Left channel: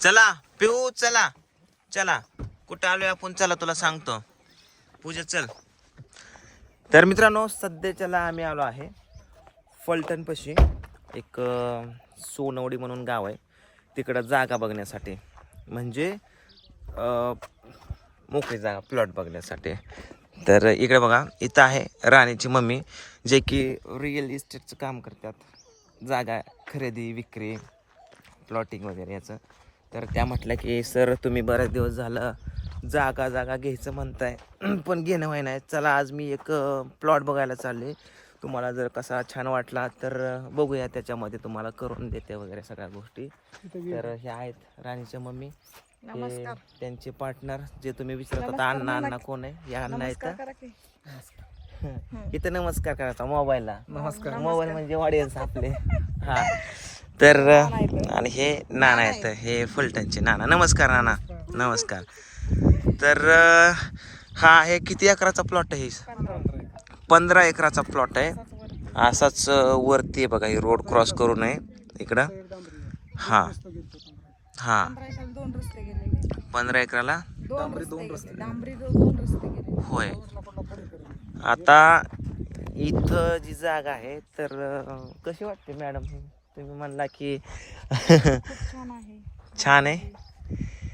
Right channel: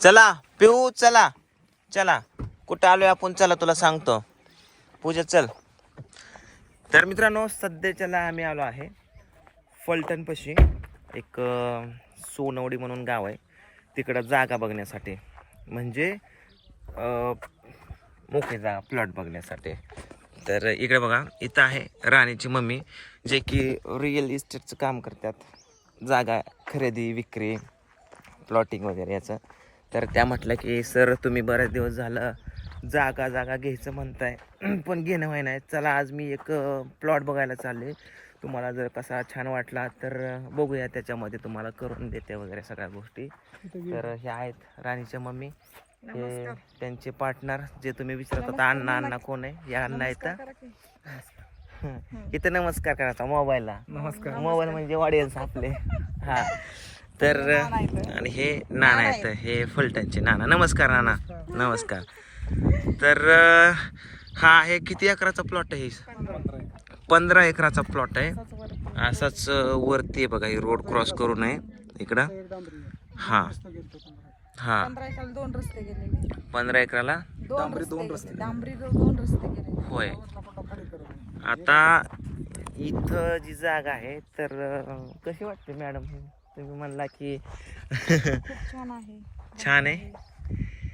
चला पिऊ चला. चला कुठं आलोय आपण? चला तुला सांगतो. पूजा चल. तर मित्रांनो सध्याच्याला आम्ही आलो आहे फलटणपाशी. एक अं, सोनवडी म्हणून गाव आहे. तिकडं जागा बघण्यासाठी. म्हणजे अं, मोकळी जागा प्लॉट बघण्यासाठी. तर इकडे बघा इथं आहे राणीची मम्मी जे की रिअल इस्टेटचं काम करतात. जागा खरेदी विक्री प्लॉटिंग वगैरे याचं. तर त्या म्हटलं की सर तुम्ही बरेच दिवस झालं जागा जागा घ्यायचं म्हणताय. पण घेणं होय नाही चला आज मी एक प्लॉट बघायला चालले. तुम्हाला जर कसा छान वाटला तर बघूया. त्याच्यामध्ये तुम्हाला करून देते वगैरे सगळ्या गोष्टी. तर हे आहेत राणीच्या मम्मी. हे त्यांचे पार्टनर जे तुम्ही विचारत होता अण्णा अण्णा कोण आहे? या अण्णा इथं इथं नमस्कार करायचा मोबाईलला. नमस्कार मोबाईल म्हणजे ऑडियन्स आपले. हा. तर आणि हे नाना आहेत हे फलटणचे नाना. नमस्कार नाना. नमस्कार. तर हा आहे किती एकराचा प्लॉट आहे? पंधरा एकराचा प्लॉट आहे. असाच वरती आहे बघा हे रोड क्रॉस करू नये. इकडं. हा. हा. दोन रस्ते गेलेले पंधरा एकराला? दोन रस्ते गेले. डांबरी रोड दोन रस्ते गेले. होय. आता इथं जी जागा आहे तर कशी वाटते मॅडम? हे तुम्ही म्हणला की छान आहे. छान आहे?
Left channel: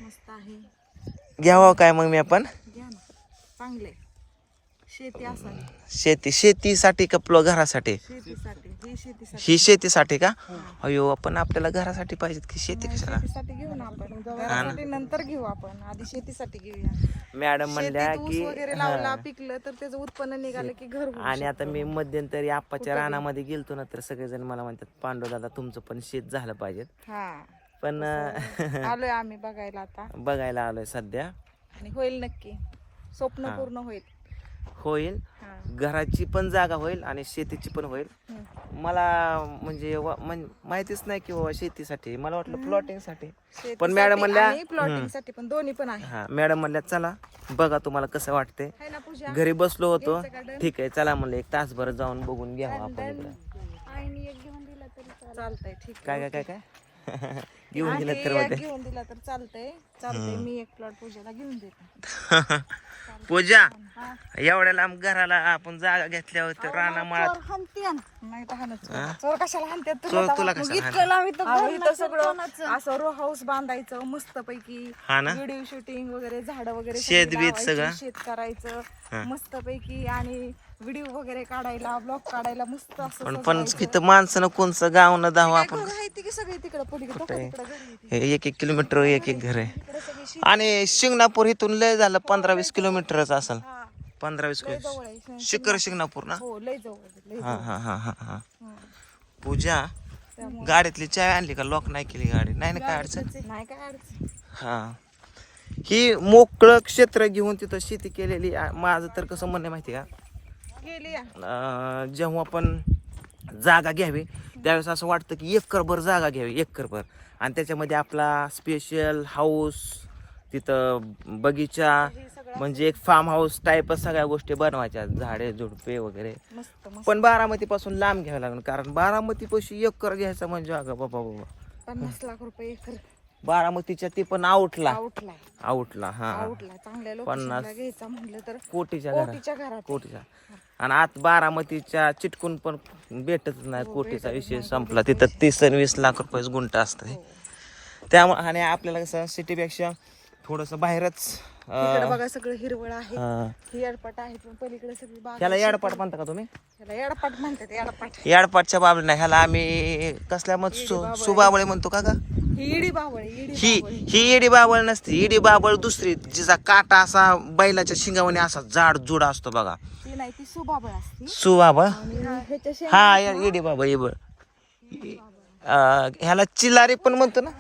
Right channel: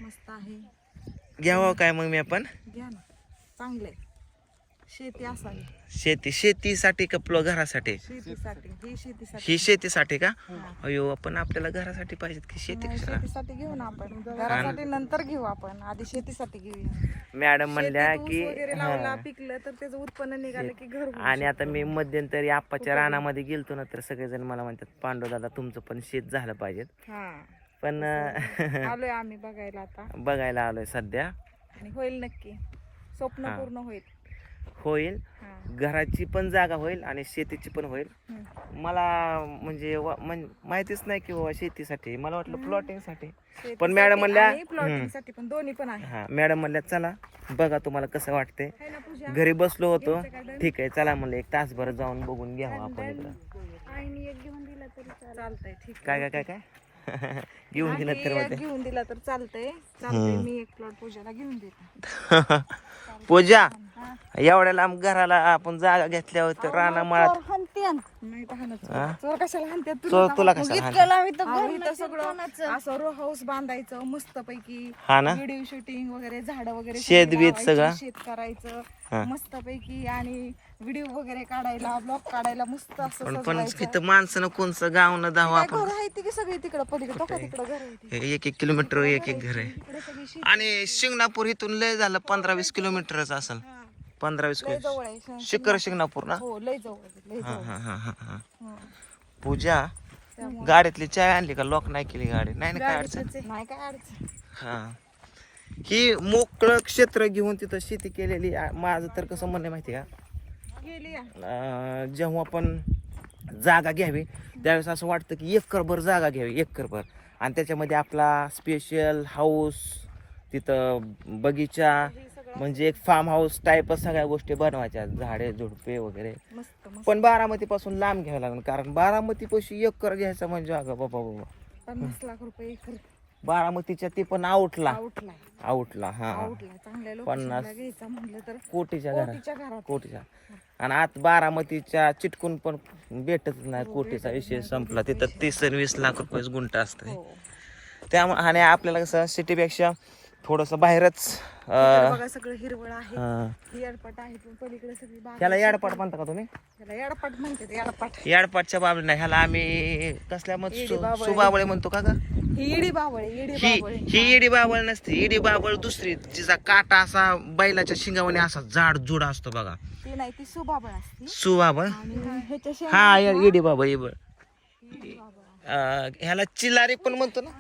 मस्त आहे. घ्यावं काय मग मी आपण? घ्या ना. चांगले शेती असावी. शेती शेतीसाठी का प्लो घरासाठी? शेतीसाठी. ही शेतीसाठी. ही शेतीसाठी का? अयो आपण आपल्याला घरासाठी पाहिजेत की शेती कशाला शेतीसाठी घेऊ ना आपण. घरासाठी नंतर घेऊ आपण. आधी शेतीसाठी घेऊया. मॅडम म्हणल्या की हा. पिकलं तर त्याचं उत्पन्न निघालं की घर आणि आता मी मध्यंतरी आप्पाच्या रानामध्ये गेलतो ना तर सगळेजण मला म्हणतात पांडू दादा तुमचं पण शेत झालं पाहिजे. हा. पण आलोय आम्ही बघायला आता. बघायला आलोय सध्या. आणि होईल नक्की. स्वप्न. पूर्ण होईल. होईल. घराची पण जागा होईल आणि शेतीची पण होईल. मला म्हणजे वा- म्हण- माहितीच नाही की बाबा शेतीसाठी. मला वाटलं प्लॉटिंगसाठी शेतीसाठी मॅडम म्हणल्या- पण दोन्ही पण आहे हा मॅडम म्हणल्या चला बघा तुम्हाला कसं है ना पूजा? घरी बसलो होतो? ठीक आहे चला म्हणलं एक तासभर जाऊन बघून घ्यावं आपण इकडं. आणि एक घेऊन दिला तरी चालतंय ठीक काय काय काय काय? घेऊन गेलं तर एक घेऊन दिला तर चालतंय चालतंय मी एक प्लॉट पूजाला घेऊन देते पूजा. एवढ्या लांब घराला आपण जागा घेतल्यावर तर राणा माळात चोर. हा? तुला कसा आम्ही तर सगळं असं रो हाऊस बांधायचं मस्त पैकी हा ना व्हिडिओ शूटिंग वगैरे झाड वगैरे शेत सगळी बीत सगळं? शेत करायचं. मस्त पैकी आणि व्हिडिओ वगैरे काढायला ब्लॉग काढायला मस्त असं पण पण सजवायचं. इथं माणसानं कोणचं गाव न धाव आपण. घरं आहेत ती सगळी तिकडं पलीकडे? बघा तिकडं घर आहे ती. एक एक किलोमीटर एक एक घर आहे. सगळी आणि शिंगणापूर इथून लय झालं पंधरा वीस किलोमीटरच असेल. हा. पंधरा वीस लय किलो जवळ आहे श- शिखर शिंगणापूर ना? हो लय जवळ आहे, लय हा जवळ हा हा हा हा. हम्म. पूजा गाडीतली चाय आणली का? लॉक नाही केली गाडी. नाही ना काय अडचण? नाही काय अडचण? हा. ही मोकळं क्षेत्र घेऊन तिथं शेती केलेली आ- माझं तर कसं म्हणणं आहे माहिती आहे. का? जेव्हा आपण जागा घ्यावी त्यावेळेस असं वाटतं की एकरभर जागा घ्यावी एकरभर आणि त्याच्यामध्ये आपला स्पेशल हाऊस तिथं बगीचा म्हणजे एक फार्म हाऊस टाईपच सगळ्या गोष्टी बनवायच्या. झाडे झुडपे वगैरे. पण बारामतीपासून लांब घ्यावं लागणार कारण बारामतीपाशी एकर घ्यायचं म्हणजे अगं बाबा बाबा. पन्नास लाख रुपये एकर. बारामतीच्या ते पण आउटला. आउटला. आउटला हा. आउटला. चांगल्या पन्नास. घ्यायचा तर कोटीच्या घरात कोटीच्या घरात. कोटीच्या. आणि आत बारामतीच्या चिटकून पण भेटत नाही कोटीचा विषय संपला. तिथं तीस आणि वीस लाख रुपये गुंट असतं हो. त्यामुळे आणि आपल्याला कसं सिटीपेक्षा थोडंसं बाहेरच इकडे अं, बघा सगळं हिरवळ आहे. हा. ही याडपाट आहे पण पलीकडे सगळी बाग त्याला याडपाट म्हणता का तुम्ही? त्याला म्हणतात याडपाट. याडपाटच्या बाबली नाही. ह्याला आम्ही कसल्या मग सु सुबाबळे म्हणतो का गा? ही इडी बावळे इडी ही ही येडी बाबळ नसते. येडी बाबळ दुसरी जिचा काटा असा बैलाच्या शिंगावाने असा जाड जुड असतो बघा. ती नाही ती सुबाबळ असते. सुबाबळ? आणि ह्याच्या शेंगा हा इडी बाबळ. अं, ह्याला चिल्लारी पण म्हणतो ना.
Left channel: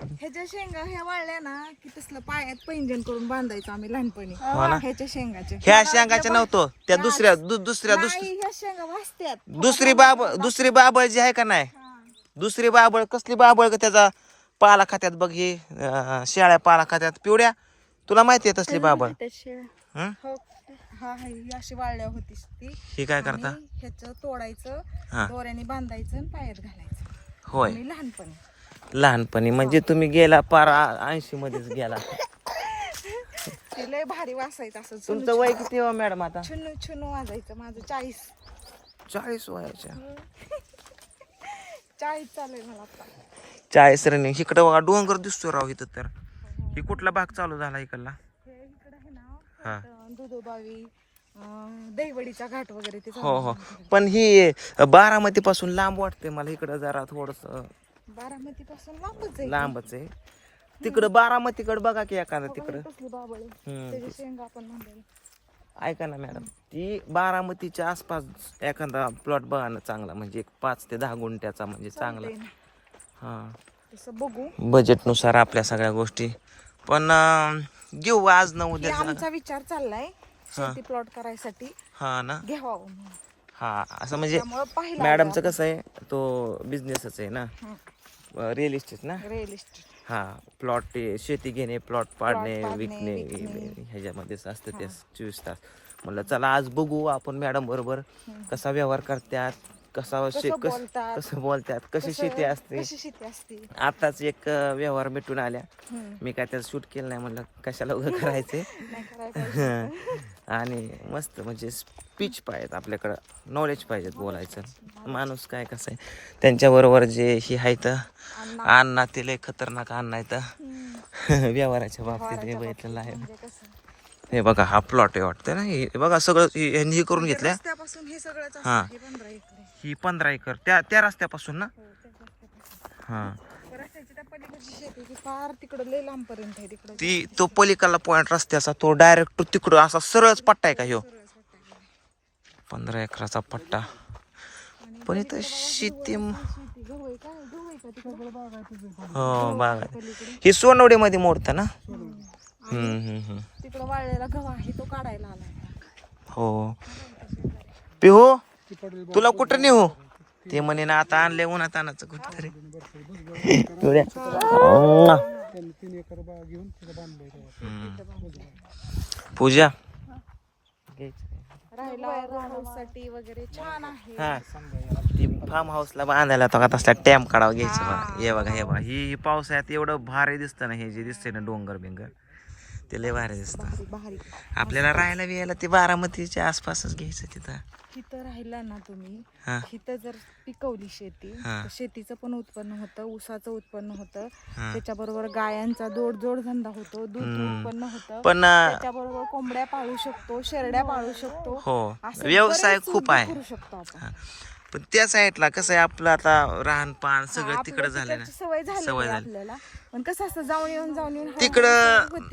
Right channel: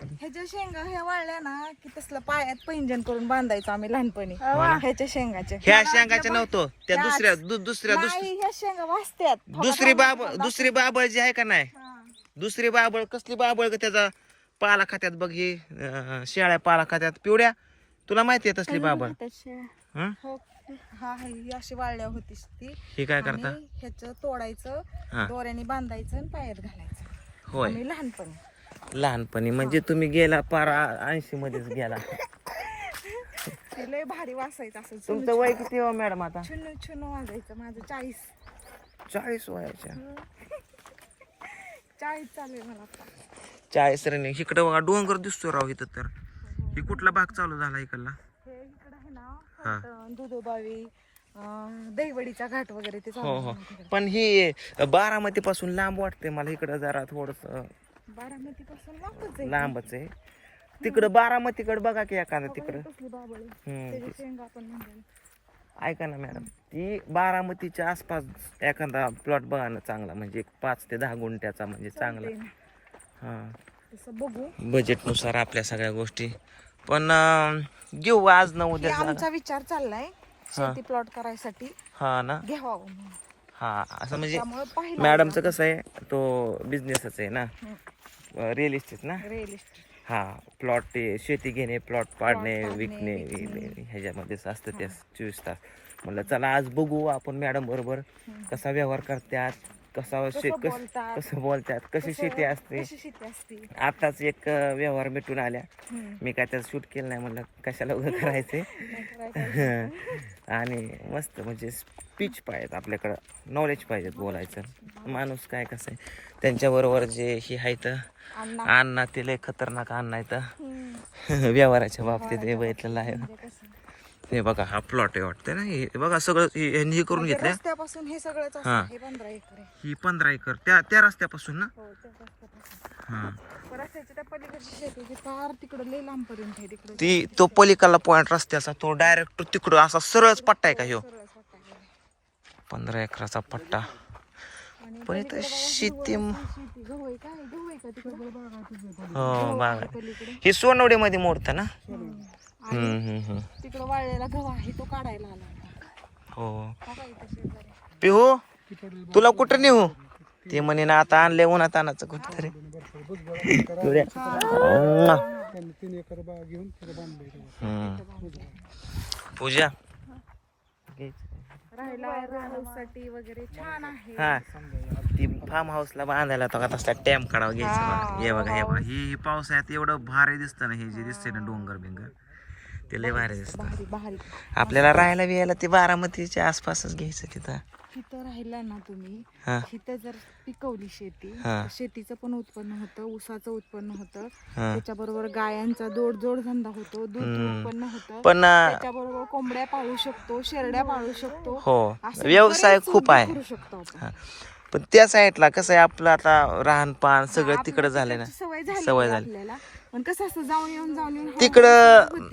ह्याच्या शेंगा ह्या वाळल्या ना की तसलं पायात पैंजण करून बांधायचो आम्ही लहानपणी. हो ना? ह्याच्या शेंगाचे ह्या शेंगाच्या नव्हतो. त्या दुसऱ्या दु- दुसऱ्या दुस- नाही ह्या शेंगा वाचत्यात. दुसरी बाबळ दुसरी बाबळ जी आहे का नाही? हा. दुसरी बाबळ कसली बाबळ का त्याचा? पाला खात्यात बघ हे अं, शेळ्या पाला खात्यात पिवड्या. तुला माहिती आहे तसली बाबळ हं? हो. हा हा, ही अशी वाळल्या होतीस ती. ही काय करता? आणि ह्याचं तोडायचं हा. दोऱ्याने बांधायचं आणि पायात घालायचं. होय. लहानपणी. लहानपणी म्हणजे तुम्ही गेला पार ऐंशी मध्येच गेला. ते लय भारी वासायचं असं तुमचं वय किती हो मॅडम आता? छुनू छुनू वाजायचं माझं चाळीस. चाळीस वयाच्या. चाळीस चालू आहे मला आता. चाळीस रनिंग इकडं बघा डोंगर दिसतो राव इथं तर. ही कुठला भाग चालू झाला इकडला? हे हा. दुधोबावी दहीवडीचा घाट वगैरे ते हो हो. पण ही बारामती पासून लांब वाटते मला इकडं जरा थोडस. बारामती पासून लांबच आहे. लांबच आहे. तिकडं बारामतीकडे बघा की एखादं तिकडं. ऐका ना मॅडम ती बारामतीच्या आसपास एखादा प्लॉट बघा ना चांगला म्हणजे एक पाच ते दहा गुंठ्याचा म्हणजे चांगला. हा. बजेटनुसार आपल्या सगळ्या गोष्टी. पण घेऊ आज न उद्या. आमचा विचार चाललाय. शेती प्लॉट करायसाठी. हा ना? घ्यावा हा असं म्हणजे मॅडमचं कसं आहे तो बिझनेसच आहे ना. रिअल इस्टेट ना? रिअल इस्टेट हा प्लॉट शेती घेणे प्लॉट पाडणे विकणे. ह्याच्यामध्येच असतं ते चोवीस तास. म्हणलं चला आज बघू आपण मॅडम बरोबर कसा व्यवहार करतात. कसा शे कसं कस बोलतात, कसं बोलतात कशी कसं- शेती असते कशी शेती असते आताच एक अं, व्यवहार भेटून आल्या हम्म. मी काय त्याचं शूट केलं नाही म्हणलं कशाला उभं करायचंय नाही करायचं. आणि मस्त म्हणजे स्पीच पाहिजेत आपल्याकडं नॉलेज पाहिजेत बोलायचं माणूस काय कसं आहे त्यांच्याबरोबर जे ही आहे तर अण्णा ते लय खतरनाक अण्णा आहे तर. व्यवहाराच्या बाबतीत हे बघितलेलं आहे म्हणजे कसं? हे बघा हा प्लॉट आहे वाटतं ना हे बघा सगळं हे- यांनी हे करून घेतलं रस्त्यापासून हे सगळंच असं हा. हे पंधरा एकर आहे. ही पंधरा एकर. त्या त्या रस्त्यापासून ना? हो, ते. हा. ती पलीकडला पॉइंट रस्त्याचा तो डायरेक्ट तिकडं असा सरळच पट्टा आहे का ह्यो? पंधरा एकराचा पट्टा. पण इथं शेती हो बागा पलीकडे? ही सोनवडीमध्ये मोडतं ना? हम्म, हम्म, हम्म. तिकडं वाळलेला गहू आहे तो काढायला आला होता. हो. पिहू? तुला कुठं नेऊ? ते म्हणे ना आता आणले उन्हात आणायचं कुठं तरी पूजा राहायला राहण्यासाठी हा. ती फार्म हाऊसला बांधायला तो का तसला टॅम काढावा घ्यायचं बघा. हे बघा हे बघा. ही ही पावसाळ्यात एवढं भारी दिसतं ना हे जे दिसतंय ना डोंगर बिंगर ते लय भारी दिसतं. भारी आपल्याला राहायला बिहायला ते बारामतीच्या आसपासच घ्यायचं तिथं. तिथं राहिला ना तुम्ही हा. तिथं जर पिकवली शेती हा. तर शेतीचं पण उत्पन्न होतं ऊसाचं उत्पन्न होतं. हा. त्याच्याबरोबर गायांचा जोड जोड धंदा होतो दूध उत्पन्न होतं. पण अं, त्याच्याबरोबर कोंबड्या पाळू शकतो शेरड्या पाळू शकतो. हो. असं व्यवसाय बरेच खूप उद्योग आहे. करू शकतो आपण. हा. पण त्या साईडला कसं आहे आपलं आता राहणपान सगळं तिकडं झालंय ना. सवय झाली सवय झाली. आपल्याला. पण कसं असतं जाऊन येऊन जाऊन येऊन तिकडं.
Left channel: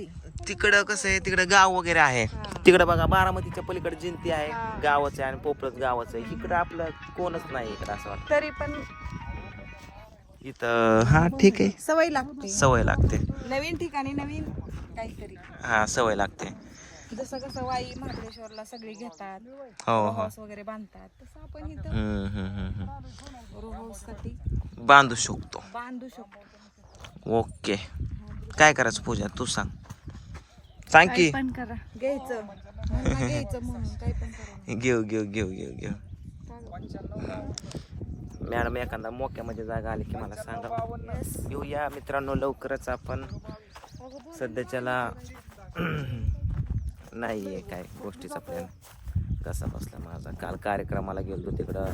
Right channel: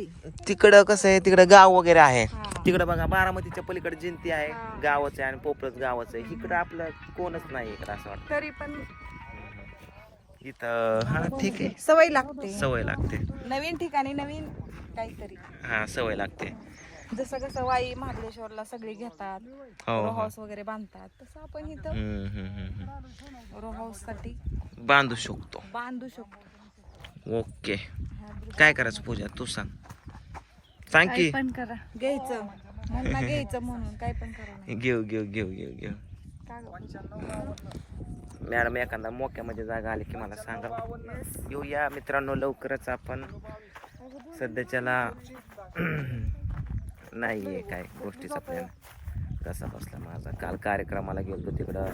तिकडं कसं आहे तिकडं गाव वगैरे आहे. तिकडं बघा बारामतीच्या पलीकडे जिंती आहे गावाचं आहे आणि पोपळत गावाचं आहे. इकडं आपलं कोणच नाही इकडं असं वाटतं. तरी पण इथं हा ठीक आहे. सवय लागते. सवय लागते. नवीन ठिकाणी नवीन काहीतरी. हा सवय लागते. जसं कसं वाई महाबळेश्वरला सगळे घेतात हो रो हो हाऊस वगैरे बांधतात तसं आपण इथं हम्म, हम्म, हम्म, हम्म. रो हाऊससाठी बांधू शकतो. बांधू शकतो. ओके. काय करायचं पूजा? तू सांग. सांग की. काय पण करा. घ्यायचं. म्हणून घ्यायचं म्हणून काय पण करा घेऊ घेऊ घेऊ घेऊ घेऊ. मॅडम एखादा मोक्यामध्ये जागा आली की मला सांगा. येऊया मित्रांनो लवकरच आपण. सध्याच्याला नाही आहे काय गोष्टीचा प्लॅन कसा बसला माझा? काल कार्यक्रमाला गेलो तिकडं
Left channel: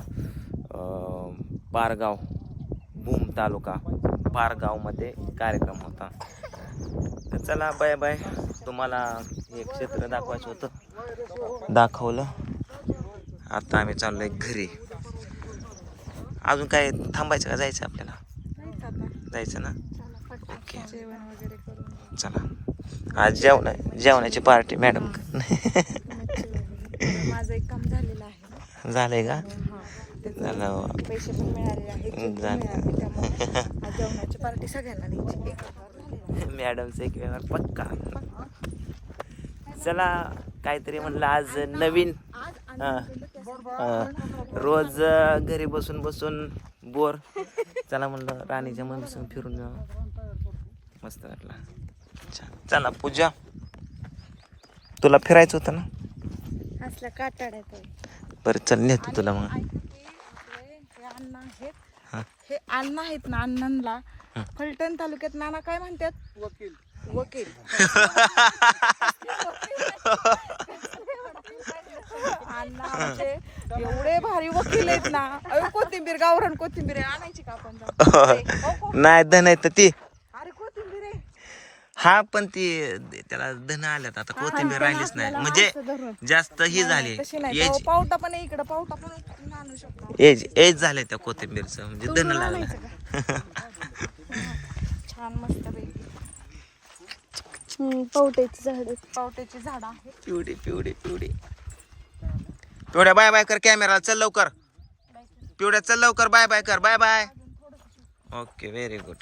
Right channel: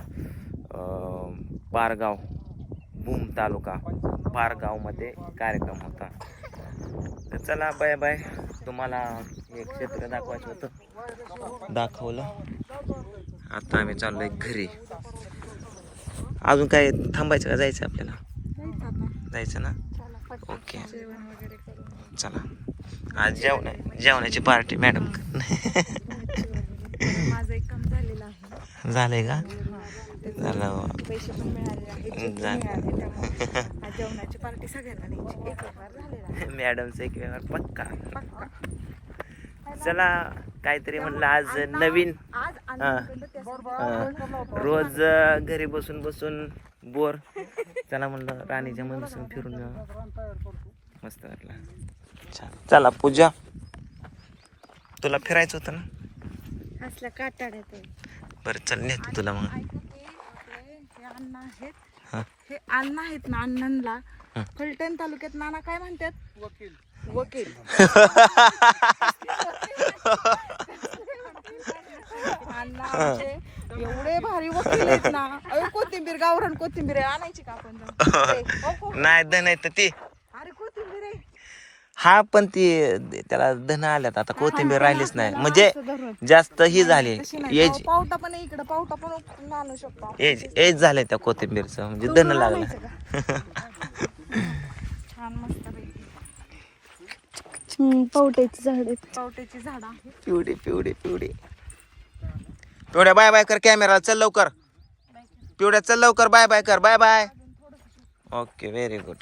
पारगाव भूम तालुका. पारगावमध्ये कार्यक्रम होता. तर चला बाय बाय. तुम्हाला हे क्षेत्र दाखवायचं होतं. दाखवलं. आता आम्ही चाललोय घरी. अजून काय थांबायचं का? जायचं आपल्याला? जायचं ना? ओके. चला. आज जेवण जेवणाची पार्टी मॅडम. एक झालेलं आहे. झालंय का? झालं पैसे पण मिळाले आहेत जेवणाची पार्टी सगळ्यांना द्यायची. मॅडमचं एक व्यवहार पक्का. चला काहीतरी म्हणलं आज नवीन. रोज घरी बसून बसून बोर. चला म्हणलं राणीच्या मम्मीसून फिरून मस्त वाटलं. छान. चला पूजा. तुला फिरायचं होतं ना? असल्या काटाड्यात आहे. बरं चल नेतो तुला मग. अण्णा आहेत. हा. हे अण्णा आहेत ना अण्णांना फलटण तालुक्यात नाना काय म्हणतात? वकील. वकील. अण्णा आमचे एवढे भारी वकील आहेत ना. अयो कोथिंबीर गावरान कोथिंबीर आहे. आणायची का आपण हो, हो. नाही धन ती. हा पण ती त्याला धन आल्यात आता कोथिंबीर राहिलीच नाही. म्हणजे. जास्त ही झाली. एज पाव- पावटा पण आहे इकडं पावटा पण उपटून आणू शकतो. एज एज झालंय त्या कोथिंबीरचं म्हणजे धन लागलं. छान मस्त पैकी. पावट्याची झाड. पावट्याची झाड आहे पिवडी पिवडी पिवडी. पिवड्या बाय बाय कर कॅमेरा चल लवकर. पिवड्या चल लवकर बाय बाय कर bye bye. Okay very good.